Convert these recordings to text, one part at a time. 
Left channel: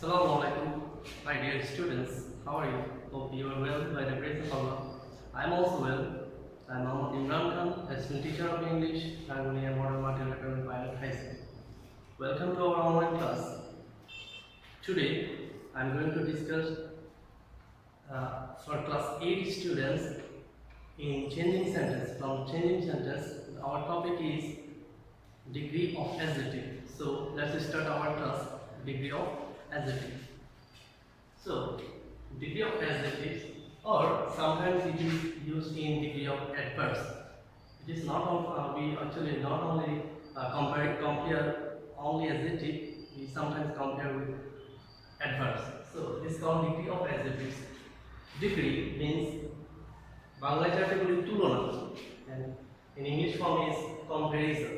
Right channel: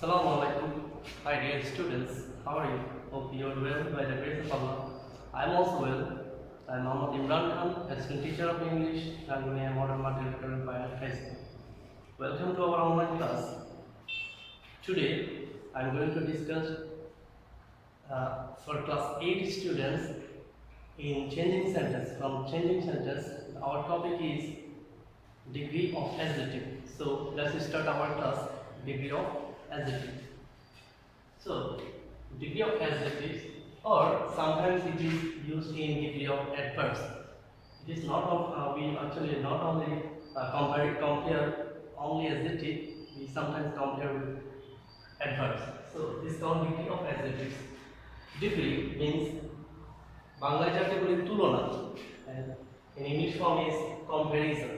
Assalamu alaikum. Hi dear students, how are you? Hope you are well by the grace of Allah. I am also well. I am Mohammad Imran Khan, assistant teacher of English, Rangonia Modern Matriculation Pilot High School. Welcome to our online class. Today I am going to discuss for class 8 students in changing sentence. From changing sentence, our topic is degree of adjective. So let's start our class. Degree of adjective. So degree of adjectives, or sometimes it is used in degree of adverbs. It is not of we actually not only compare only adjective. We sometimes compare with adverbs. So this is called degree of adjectives. Degree means Bangla category tulona, and in English form is comparison.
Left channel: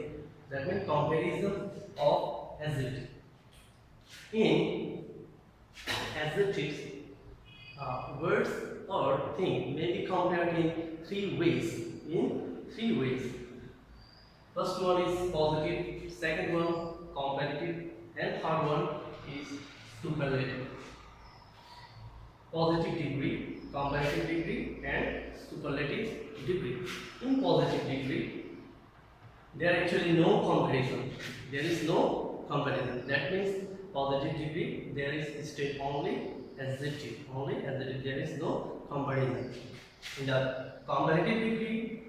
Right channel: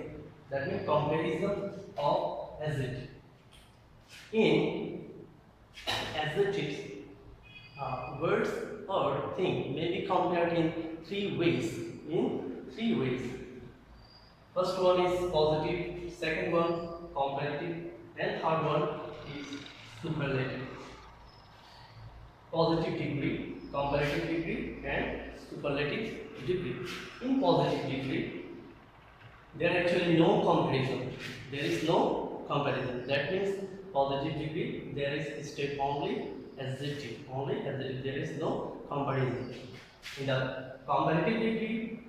That means comparison of adjective. In adjectives, words or things may be compared in three ways. First one is positive, second one comparative, and third one is superlative. Positive degree, comparative degree, and superlative degree. In positive degree, there is actually no comparison. There is no comparison. That means positive degree, there is state only adjective. There is no comparison. In the comparative degree,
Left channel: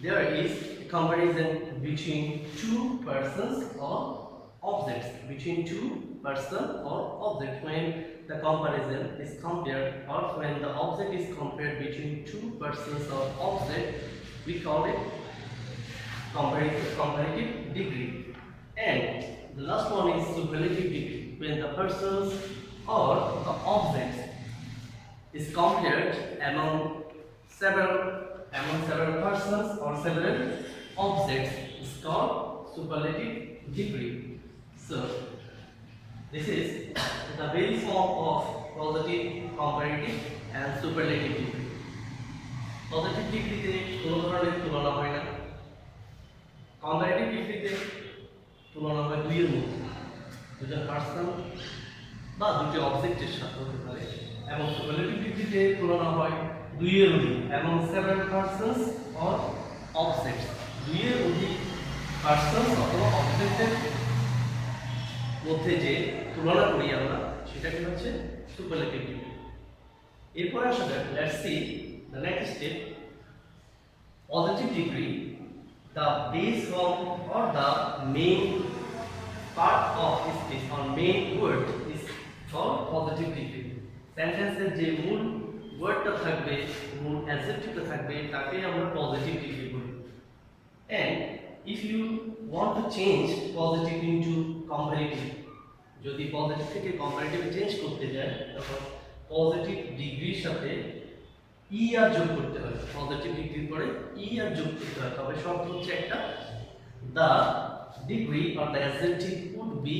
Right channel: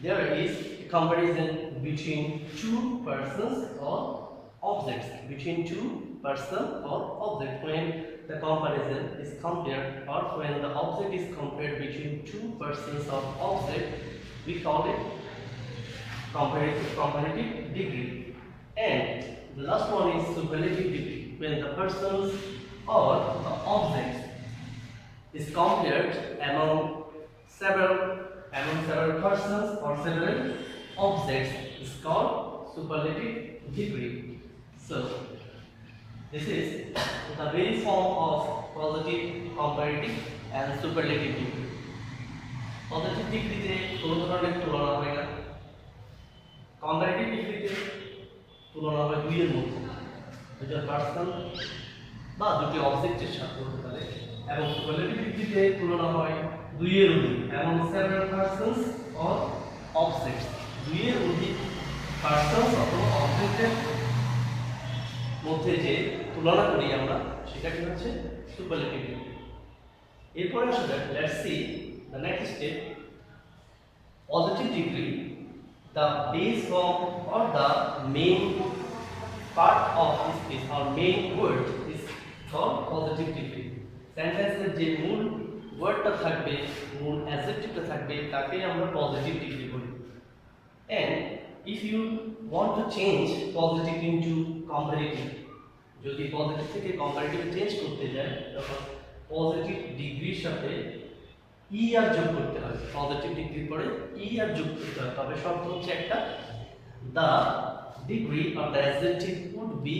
there is a comparison between two persons or objects. Between two person or object. When the comparison is compared, or when the object is compared between two persons or object, we call it comparative degree. And the last one is superlative degree, when the persons or the objects is compared among several persons or several objects, is called superlative degree. So this is the very form of positive, comparative, and superlative degree. Positive degree কোনো ধরনের তুলনা হয় না। comparative ডিগ্রিতে তুলনা হয় দুইয়ের মধ্যে, দুজন পার্সন বা দুটি অবজেক্টের সাথে হতে পারে, এবং সুপারলেটিভ ডিগ্রিতে তুলনা হয় দুইয়ের অধিক এবং সেভারাল পার্সনস অর অবজেক্টস, দুইয়ের অধিক পার্সনস অথবা অবজেক্টের মধ্যে যে তুলনা করি আমরা, সেটাকে হচ্ছে সুপারলেটিভ ডিগ্রি। এরপরে আসা যাক, let's see the next step. Positive degree, the base form or the main part of speech or main word is called positive degree. Sentence যে মূল ওয়ার্ডটা থাকবে, মূল অ্যাডজেক্টিভটা থাকবে, তাকে আমরা পজিটিভ ডিগ্রি বলি। And if you want to change positive into comparative, যদি পজিটিভ থেকে কম্পারেটিভ চেঞ্জ করতে যায়, তখন পজিটিভ ডিগ্রির সাথে ই আর যোগ করতে হয়। পজিটিভ ডিগ্রির পরে ই আর যোগ করতে হয়। তবে শর্ত হচ্ছে একটা, the degree or the adjective would be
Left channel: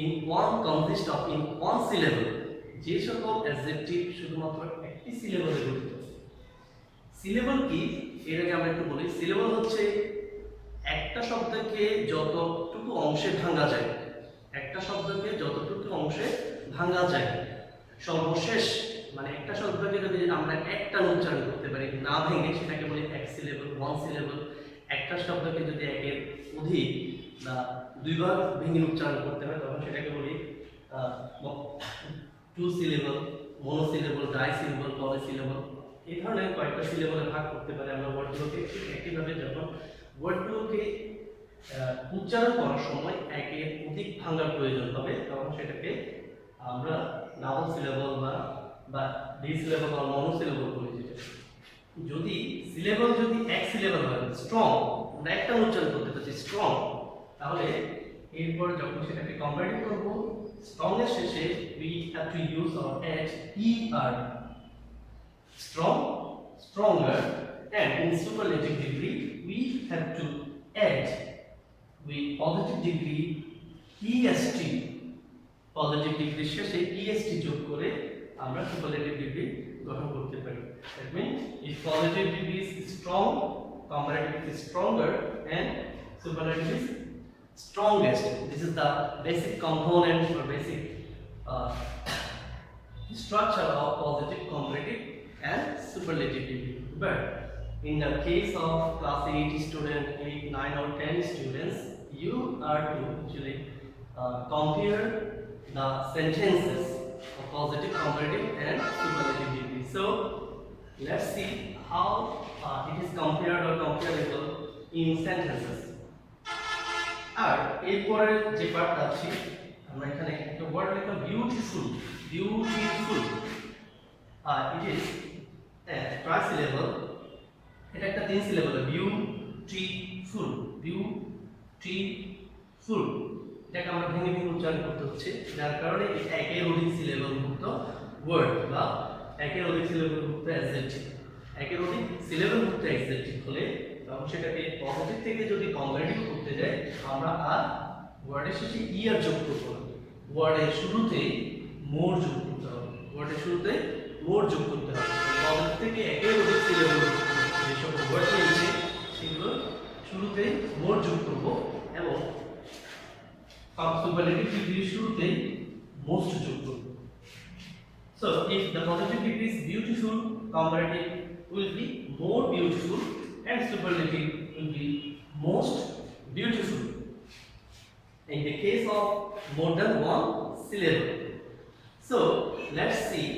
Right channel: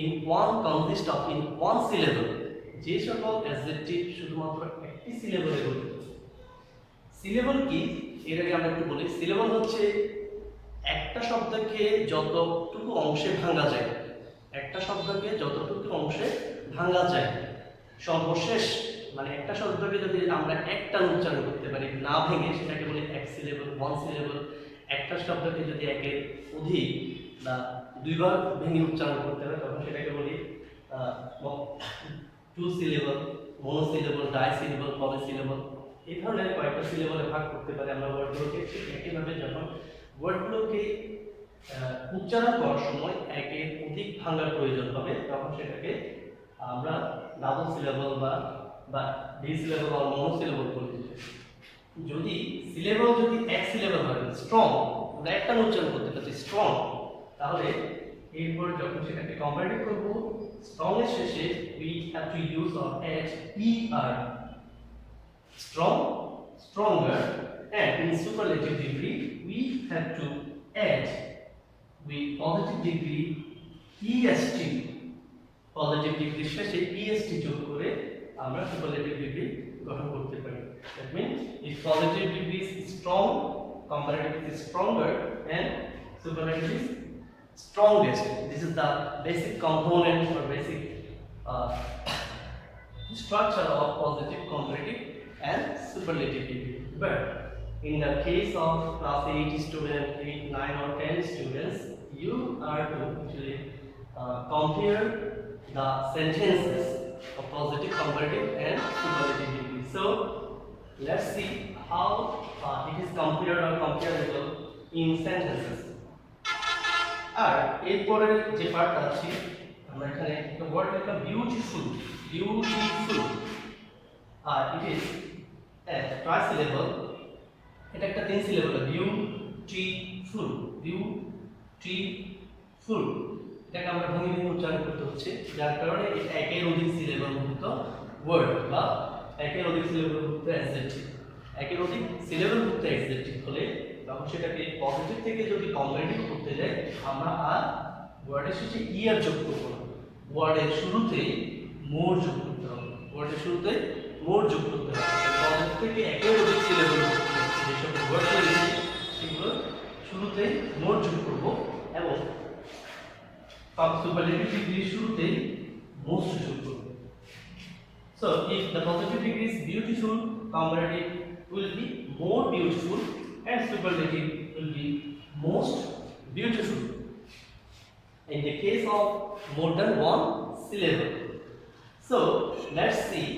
in one consist of in one syllable. যে সকল অ্যাডজেক্টিভ শুধুমাত্র একটি সিলেবলে গঠিত। সিলেবল কি, এর আগে আমরা একটু বলি। সিলেবল হচ্ছে একটা শব্দকে যতটুকু অংশে ভাঙা যায়, একটা শব্দকে যতটুকু অংশে ভাঙা যায়, সর্বশেষ মানে একটা শব্দকে যদি আমরা একটা উচ্চারণ করতে পারি না ভেঙে, সেটাকে বলি এক সিলেবল, ওয়ান সিলেবল। একটা শব্দকে যদি একের অধিক বা দুইবার ভেঙে উচ্চারণ করতে হয়, তখন সেটাকে বলি two syllable, monosyllable, die syllable, পলি সিলেবল। এই ধরনের কয়েকটা সিলেবলে ভাগ করতে পারি আমরা ওয়ার্ডগুলোকে। ঠিক একইভাবে যখন ওয়ার্ডগুলোকে উচ্চারণ করার সময় একের অধিক ভাঙার প্রয়োজন হবে, তখন সেটাকে আমরা ডাবল সিলেবল বা ডি সিলেবল বা মনোসিলেবল বলি। যদি সিলেবল যদি এক সিলেবল হয়, স্ট্রং, আমরা একটা উচ্চারণ করতে পারছি স্ট্রং, তাহলে এরপর যখন সেটাকে কম্পারেটিভ করব, স্ট্রং এর শেষে we have to use or add er, strong, stronger, and in superlative degree we have to add with positive degree est, positive ডিগ্রির শেষে est যোগ করে আমরা সুপারলেটিভ ডিগ্রি গঠন করতে পারি। That means if positive degree is strong, comparative is stronger, and superlative is strongest. This is the basic component or basic uh, structure of positive, comparative and superlative degree. But in the case of class 8 student, 8, 9 or 10 students, you are to actually compare the sentences of positive, comparative and superlative degree. So let's see how it is compared or comparable in sentences. আর এরপরের যে part আছে আমরা এখানে একটা word লিখলাম beautiful. আর it is trisyllable, এটা একটা তিন সিলেবল, বিউটিফুল। এটাকে আমরা ভেঙে ভেঙে উচ্চারণ করতে হচ্ছে, যার কারণে এটা একের অধিক সিলেবলযুক্ত ওয়ার্ড বা একের অধিক সিলেবলযুক্ত অ্যাডজেক্টিভ। একের অধিক সিলেবলযুক্ত অ্যাডজেক্টিভ হলে তখন সেটাকে পজিটিভ থেকে যদি কম্পারেটিভ করতে যাই আমরা আর ওয়ার্ডের শেষে ইয়ার যোগ করবো না, ওয়ার্ডের শুরুতেই মোর যোগ করতে হবে। পজিটিভ থেকে একের অধিক সিলেবল যে সকল ওয়ার্ড রয়েছে সেগুলো শুরুতেই মোর যোগ করব এবং সুপারলেটিভ ডিগ্রির শুরুতেই মোস্ট যোগ করব। So if the positive degree is beautiful, comparative will be more beautiful and superlative will be most beautiful. In the case of more than one syllable. So let's see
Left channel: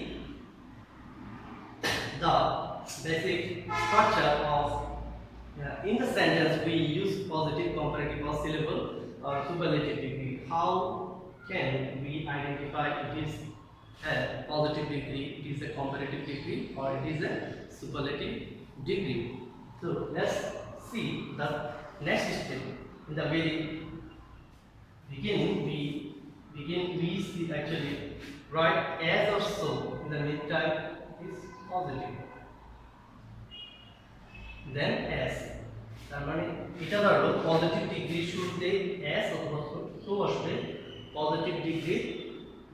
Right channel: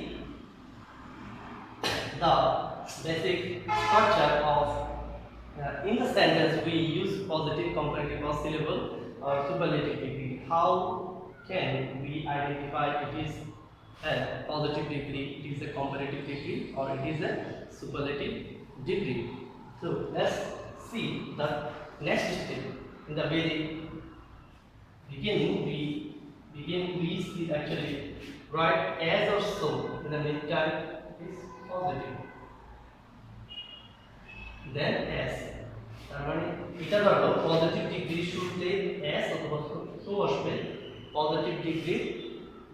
the basic structure of in the sentence we use positive, comparative or syllable or superlative degree. How can we identify it is a positive degree, it is a comparative degree or it is a superlative degree? So let's see the next step. In the very beginning we see actually write as or so. In the meantime it is positive, then as. তার মানে এটা ধরো positive degree শুরুতে as অথবা so আসবে, positive degree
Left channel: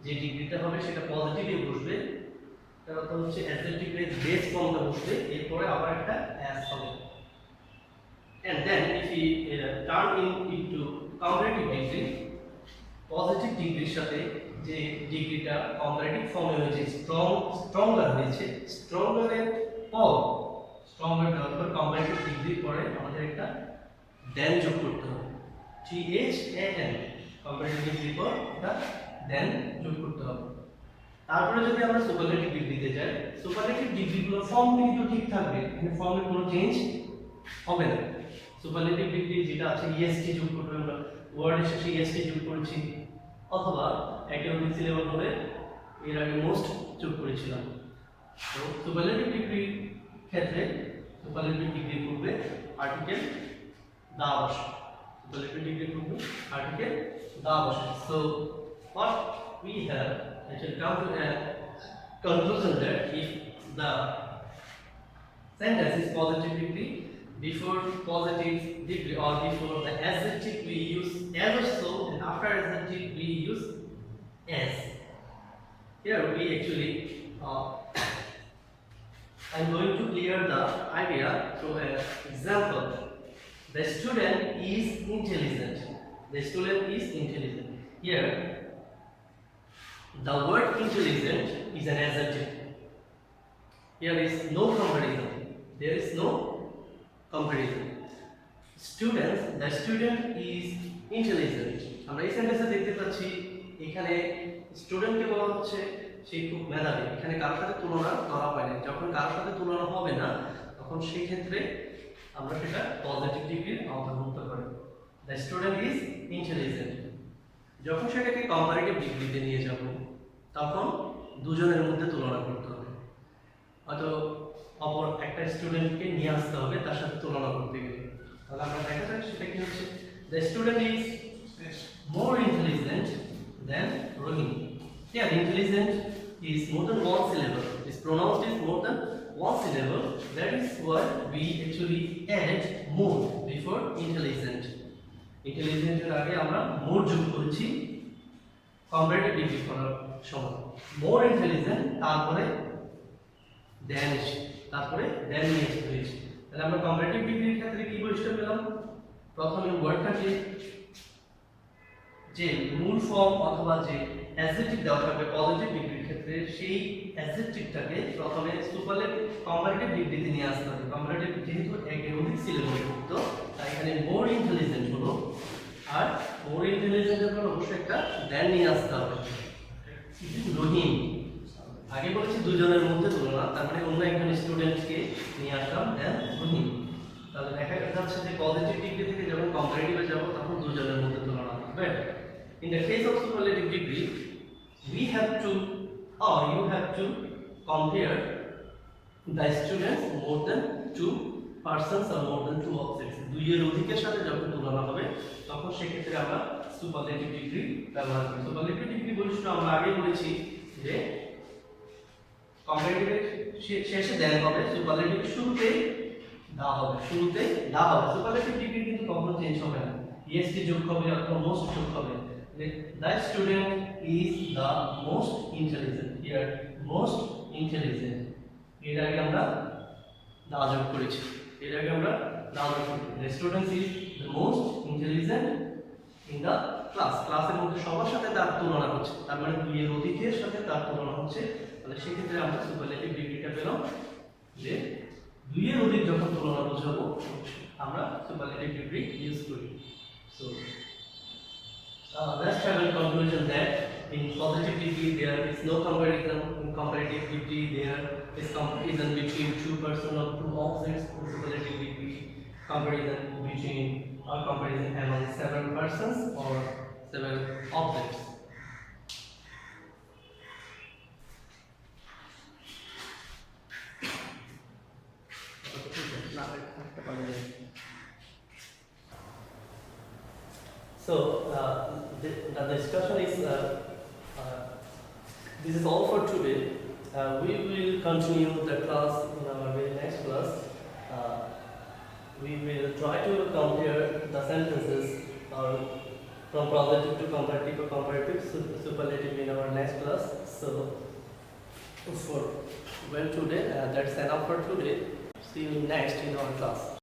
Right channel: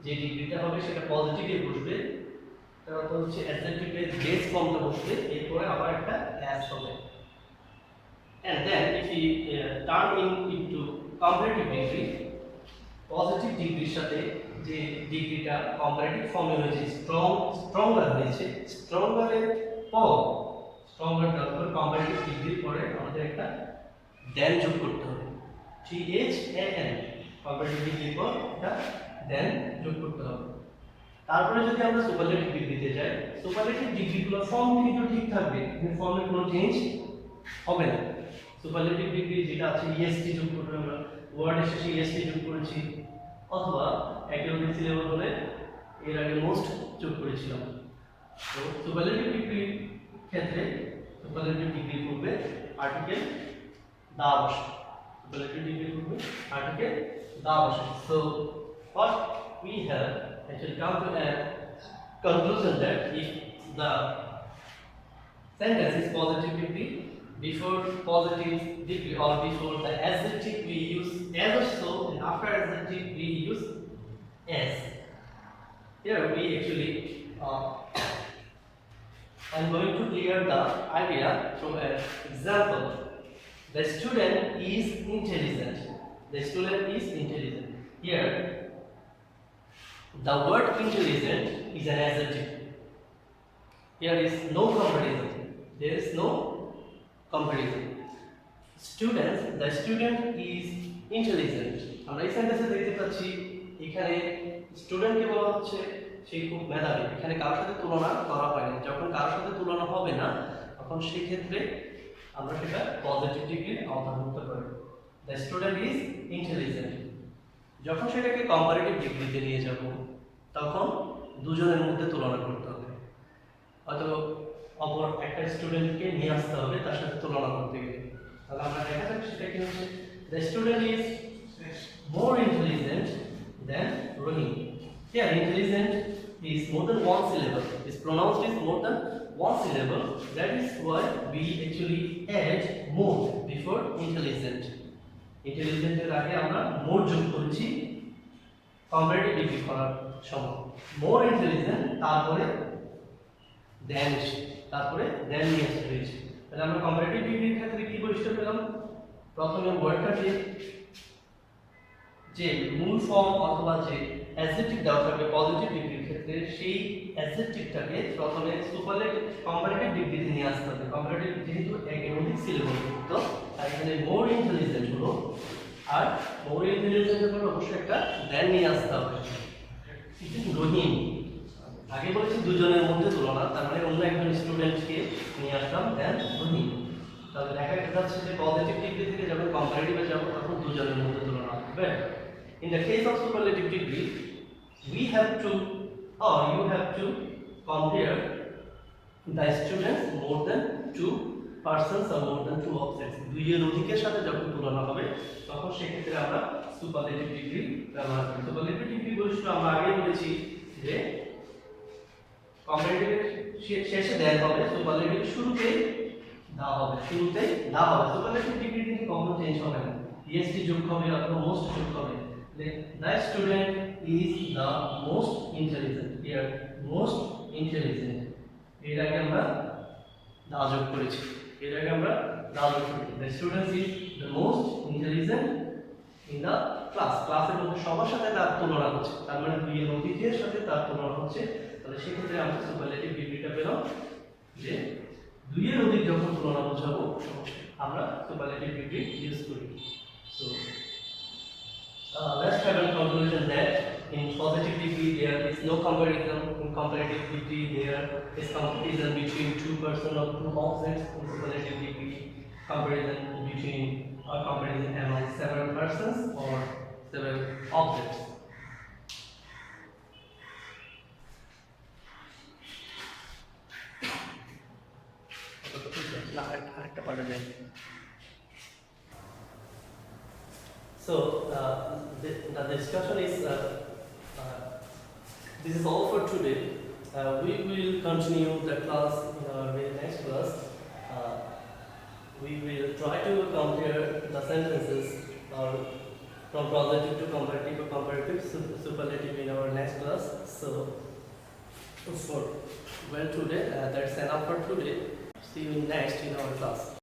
যে ডিগ্রিটা হবে সেটা পজিটিভে বসবে, তারপর হচ্ছে অ্যাডজেক্টিভের বেস ফর্মটা বসবে, এরপরে আবার একটা as হবে। And then if we turn into comparative degree, positive ডিগ্রির সাথে যে ডিগ্রিটা কম্পারেটিভ ফর্মে হয়েছে স্ট্রঙ্গার হয়েছে, স্ট্রঙ্গারের পর কম্পারেটিভ ডিগ্রির পরে আমাদের একটা দেন যোগ করতে হবে, THAN, কম্পারেটিভ ডিগ্রির পর একটা দেন যোগ করতে হবে। তারপরে যদি আমরা সুপারলেটিভ ডিগ্রিতে যাই, সুপারলেটিভ ডিগ্রিগুলোর ফর্ম কিন্তু ঠিক থাকবে, ফর্মের কোনো চেঞ্জ হবে না। সুপারলেটিভ ডিগ্রি যেটা আছে EST যোগ করতে হবে, আমরা ওয়ার্ডের শেষে EST যোগ করেছি, অথবা একের অধিক সিলেবল হলে এর আগে মোস্ট যোগ করেছিলাম। তো সুপারলেটিভ ডিগ্রির ক্ষেত্রে সুপারলেটিভ ডিগ্রি পূর্বে আর্টিকেল দা বসে, সুপারলেটিভ ডিগ্রি পূর্বে আর্টিকেল দা বসে। So what we have actually come to a conclusion that if the sentence is positive degree, before positive degree or before the adjective we use as or so, and after adjective we use as. Here we actually I'm going to clear the idea through an example. The student is intelligent. The student is intelligent. Here the word intelligent is an adjective. Here is no comparison. There is no comparison. Students, the student is intelligent. আমরা এই সেন্টেন্সে দেখতে পাচ্ছি এখানে স্টুডেন্টকে বলা হচ্ছে সে খুব মেধাবী, এখানে কারোর সাথে তুলনা করা হয়নি। যখন কারোর সাথে তুলনা হবে না তখন সেই ক্ষেত্রে আমরা সেটা পজিটিভ ডিগ্রির অন্তর্ভুক্ত করি। The student is intelligent. যখন সেটাকে কম্পারেটিভ ডিগ্রিতে নিয়ে যাব তখন দুজনের মধ্যে তুলনা করতে হবে, হয়তো অপর একটা স্টুডেন্টকে নিয়ে আসতে হবে তার সাথে তুলনা করতে গেলে। তাহলে আমরা দেখা যাক সেটা কি হচ্ছে। The student is more intelligent then Rahim. Here intelligent is more than one syllable, is pronounced is more than one syllable, that is why we actually add more before intelligent. Intelligent এর আগে আমরা more যোগ করেছি comparative degree করার সময়। more intelligent তারপরে than নিয়ে আসতে হয়েছে। তাহলে আমরা কম্পারেটিভ ডিগ্রির ক্ষেত্রে কি বৈশিষ্ট্য পেলাম? প্রথমে ওয়ার্ডটাকে যে মূল ফর্ম অথবা যে অ্যাডজেক্টিভ দেওয়া থাকবে পজিটিভ ডিগ্রির ক্ষেত্রে, সেই অ্যাডজেক্টিভটাকে প্রথমে সুপারলেটিভ কম্পারেটিভ ডিগ্রিতে নিয়ে আসতে হবে। কম্পারেটিভ যেহেতু একের অধিক সিলেবল যুক্ত, তাই এখানে মোর ইন্টেলিজেন্ট হলো, আর মোর ইন্টেলিজেন্টের পর অবশ্যই একটা দেন নিয়ে আসতে হবে। রহিম, আগে বলেছি দুজনের মধ্যে তুলনা, তার মানে অন্য একজন স্টুডেন্টকে নিয়ে আসলাম দেন রহিম। তাহলে দেখা যাচ্ছে যে পজিটিভ ডিগ্রি থেকে যখন কম্পারেটিভে যাব তখন দুজনের মধ্যে তুলনা হবে। In the case of superlative degree, we have to or you have to compare the students more than two persons or more than two objects. দুইয়ের অধিকের সাথে যখন তুলনা হবে তখন সেক্ষেত্রে আমরা সুপারলেটিভ ডিগ্রি ব্যবহার করি। সুপারলেটিভ ডিগ্রি বৈশিষ্ট্য আমরা আগে বলেছি যে কম্পারেটিভের শেষে দেন হবে, সুপারলেটিভের শুরুতেই দা হবে, শুরুতেই দা হবে। সুপারলেটিভ ডিগ্রি কিন্তু কখনো চেঞ্জ হবে না, ইএসটি যোগ হবে অথবা মোস্ট যোগ হবে। The student is the most intelligent. Here, most intelligent. এর আগে আমরা দা যোগ করেছি, এর আগে আমরা দা যোগ করেছি। The student is the most intelligent in the class. ক্লাসের মধ্যে সবার সাথে তার তুলনা হচ্ছে, তার মানে দুইয়ের অধিকের সাথে তার তুলনা হচ্ছে। তাহলে সেক্ষেত্রে আমরা সুপারলেটিভ ডিগ্রিটা পেলাম যে দুইয়ের অধিক যখন তুলনা বোঝাবো আমরা সুপারলেটিভ ডিগ্রি ইউজ করি। So let's have a conclusion that in positive degree there is no comparison, in comparative degree there is comparison between two persons or two objects, in superlative degree comparison between or comparison among several persons or several objects. So the discussion is this is all for today. We will continue the class in our very next class. We will try to compare the sentences from positive to comparative or comparative superlative in our next class. So for today, that's enough for today. See you next in our class.